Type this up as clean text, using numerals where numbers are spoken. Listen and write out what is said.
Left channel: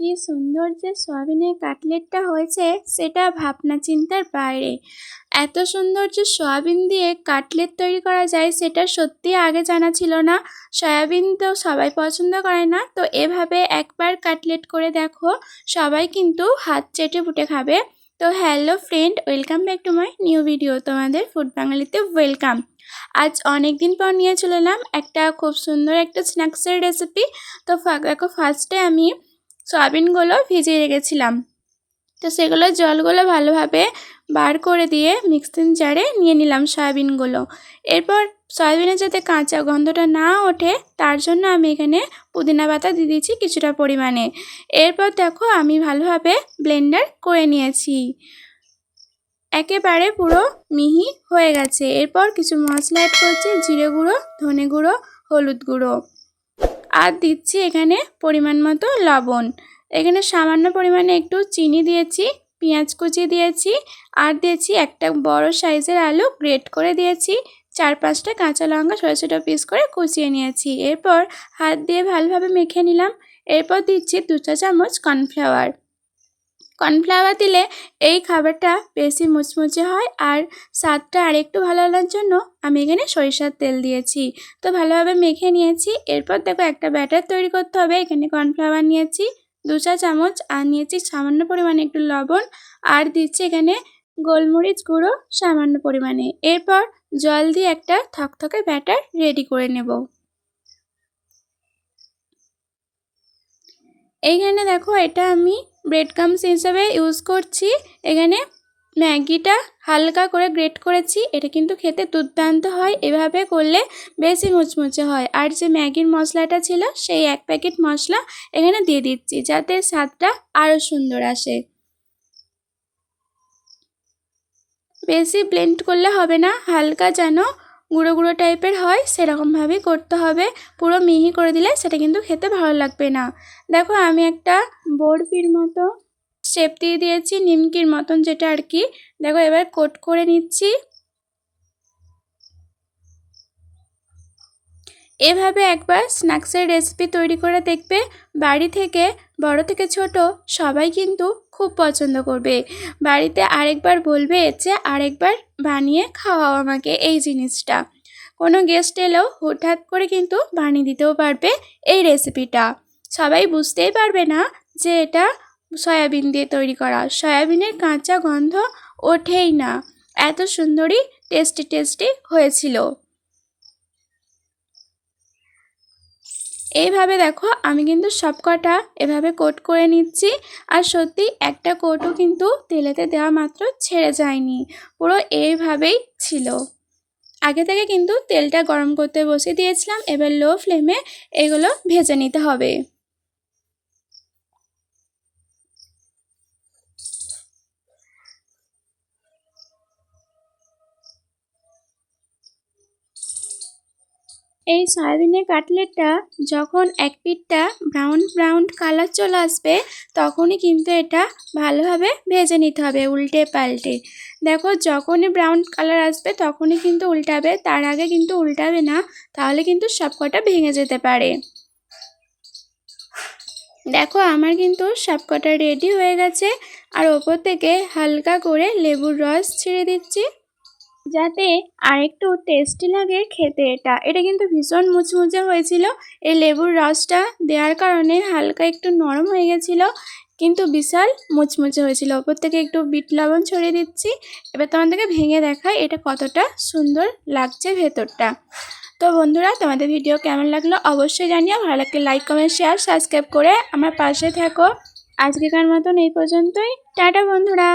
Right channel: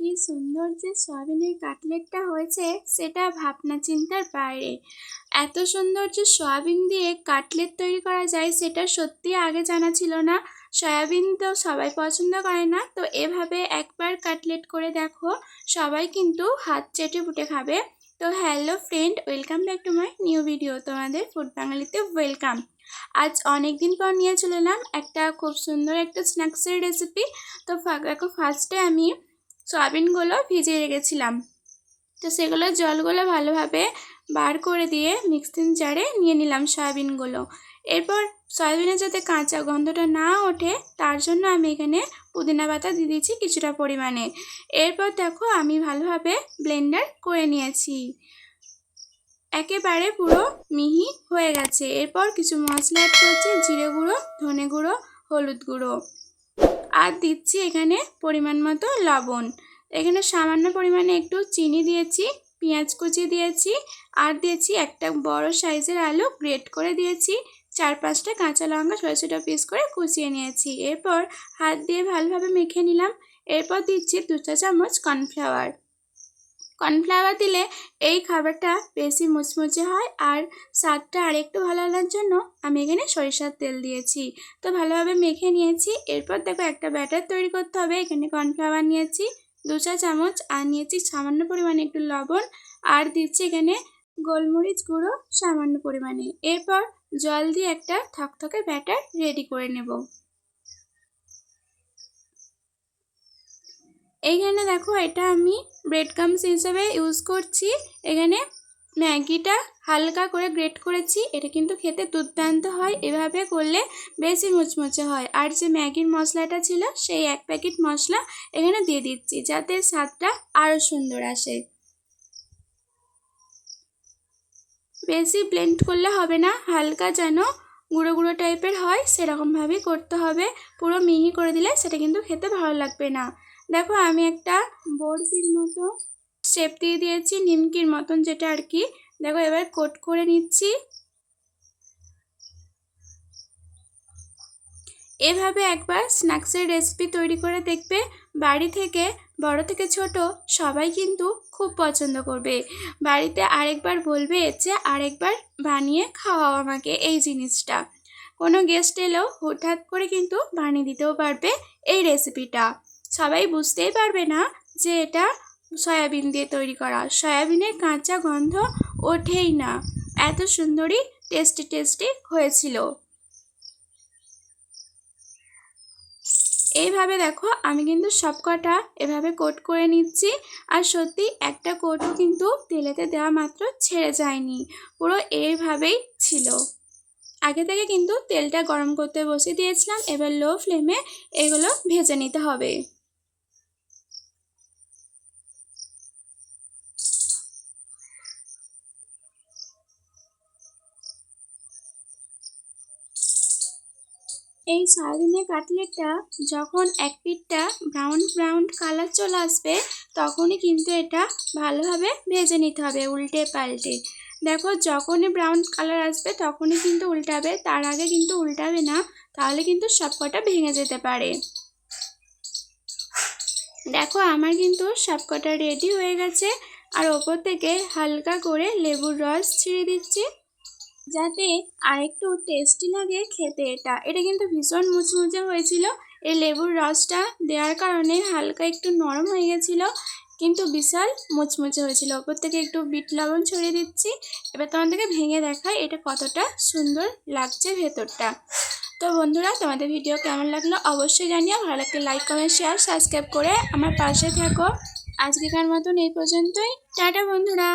কি সুন্দর যে সয়াবিনের কাটলেটটা হয়েছে সেটা ভাবনা চিন্তার বাইরে। এত সুন্দর যে সয়াবিন দিয়ে কাটলেট তৈরি করা যায় সেটা সত্যি আগে জানা ছিল না। সয়াবিন তো সবাই পছন্দ করে না, তো এভাবে একবার কাটলেট করে দেখো, সবাই কিন্তু হাত চেটে পুটে খাবে। তো hello friend, welcome back to my new video. তোমাদের ফুড বাঙালিতে ওয়েলকাম। আজ অনেক দিন পর নিয়ে চলে এলাম একটা খুব সুন্দর একটা স্ন্যাক্সের রেসিপি। তো দেখো, ফার্স্টে আমি সয়াবিনগুলো ভিজিয়ে রেখেছিলাম, তো সেগুলো জলগুলো ভালোভাবে বার করে দিয়ে মিক্সিং জারে নিয়ে নিলাম সয়াবিনগুলো। এরপর সয়াবিনের যাতে কাঁচা গন্ধটা না ওঠে তার জন্য আমি এখানে পুদিনা পাতা দিয়ে দিয়েছি কিছুটা পরিমাণে। এরপর দেখো আমি ভালোভাবে ব্লেন্ডার করে নিয়েছি, একেবারে পুরো মিহি হয়ে গেছে। এরপর কিছু মশলা অ্যাড করছি, জিরে গুঁড়ো, ধনে গুঁড়ো, হলুদ গুঁড়ো, আর দিচ্ছি এখানে পরিমাণ মতো লবণ। এখানে সামান্য পরিমাণে একটু চিনি দিয়েছি, পেঁয়াজ কুচি দিয়েছি, আর দিয়েছি একটা বড় সাইজের আলু গ্রেট করে দিয়েছি, 4-5টা কাঁচা লঙ্কা ছোটো ছোটো পিস করে কুচিয়ে নিয়েছি। এরপর হাত দিয়ে ভালোভাবে মেখে নিলাম। এরপর দিচ্ছি 2 চা চামচ কর্নফ্লাওয়ার। কর্নফ্লাওয়ার দিলে এই খাবারটা বেশি মুচমুচে হয়, আর স্বাদটা আরেকটু ভালো লাগার জন্য আমি এখানে সরিষার তেল দিয়েছি। তো ভালোভাবে মেখে নিয়েছি। এরপর দেখো একটা ব্যাটার তৈরি করতে হবে। এখানে কর্নফ্লাওয়ার নিয়েছি 2 চা চামচ, আর নিয়েছি সামান্য পরিমাণে একটু লবণ, আর দিচ্ছি এখানে গোলমরিচ গুঁড়ো সামান্য পরিমাণে। এরপর জল দিয়ে একটা থকথকে ব্যাটার রেডি করে নেব। এইখানে দেখো, এটা আমি ব্রেড ক্রাম্বস হিসাবে ইউজ করছি। এখানে ম্যাগিটা হালকা করে গ্রেট করেছি, এটা কিন্তু খেতে দুর্দান্ত হয়। এভাবে করলে বেশি মুচমুচে হয়। আর যে ম্যাগির মশলাটা ছিল সেই 1 প্যাকেট মশলা এখানে দিয়ে দিচ্ছি, যাতে স্বাদটা আরও সুন্দর আসে। বেশি ব্লেন্ড করলে হবে না, হালকা যেন গুঁড়ো গুঁড়ো টাইপের হয় সেরকমভাবেই করতে হবে। পুরো মিহি করে দিলে সেটা কিন্তু খেতে ভালো লাগবে না। দেখো আমি একটা বরফির মতো শেপ দিয়ে দিয়েছি, নিমকির মতন যেটা আর কি। দেখো এবার কোট করে নিচ্ছি। এভাবে একবার স্ন্যাক্সের রেসিপি তৈরি করে দেখবে, বাড়ি থেকে বড় থেকে ছোট সবাই কিন্তু খুব পছন্দ করবে। বাড়িতে আরেকবার বলবে যে আরেকবার বানিয়ে খাওয়াও আমাকে এই জিনিসটা। কোনো গেস্ট এলেও হঠাৎ করে কিন্তু বানিয়ে দিতেও পারবে এই রেসিপিটা। সবাই বুঝতেই পারবে না যে এটা সয়াবিন দিয়ে তৈরি করা। সয়াবিনের কাঁচা গন্ধ ওঠেই না, এত সুন্দরই টেস্টি হয়েছিল। এইভাবে দেখো আমি কিন্তু সব কটা এভাবে কোট করে নিচ্ছি। আর সত্যি একটা কোটও কিন্তু তেলেতে দেওয়া মাত্র ছেড়ে যায়নি, পুরো এইভাবেই ছিল। আগে থেকে কিন্তু তেলটা গরম করতে বসিয়ে দিয়েছিলাম। এবার লো ফ্লেমে এগুলো ভেজে নিতে হবে। এই সয়াবিনের কাটলেটটা যখন এক পিঠটা ব্রাউন ব্রাউন কালার চলে আসবে তখনই কিন্তু এটা ভালোভাবে ভেজে নিতে হবে উল্টে পাল্টে। দেখো যখনই ব্রাউন কালার আসবে তখনই কিন্তু উল্টাবে, তার আগে কিন্তু উল্টাবে না, তাহলে কিন্তু সব কটা ভেঙে যেতে পারে। দেখো আমার কিন্তু সব কটা রেডি হয়ে গেছে। আর ওপর থেকে হালকা করে লেবুর রস ছিঁড়ে দিচ্ছি, যাতে আরেকটু টেস্টি লাগে খেতে। এটা কিন্তু ভীষণ মুচমুচে হয়েছিল। এই লেবুর রসটা দেওয়ার কারণে হালকা একটু নরম হয়ে গেছিলো, কিন্তু বিশাল মুচমুচে হয়েছিল। ওপর থেকে একটু বিট লবণ ছড়িয়ে দিচ্ছি। এবার তোমাদেরকে ভেঙে দেখাই এটা কতটা সুন্দর লাগছে ভেতরটা। তো বন্ধুরা, তোমাদের ভিডিও কেমন লাগলো অবশ্যই জানিও। ভালো লাগলে লাইক কমেন্ট শেয়ার সাবস্ক্রাইব করে আমার পাশে থাকো। আজকেকার মতন এই পর্যন্তই। টাটা বন্ধুরা।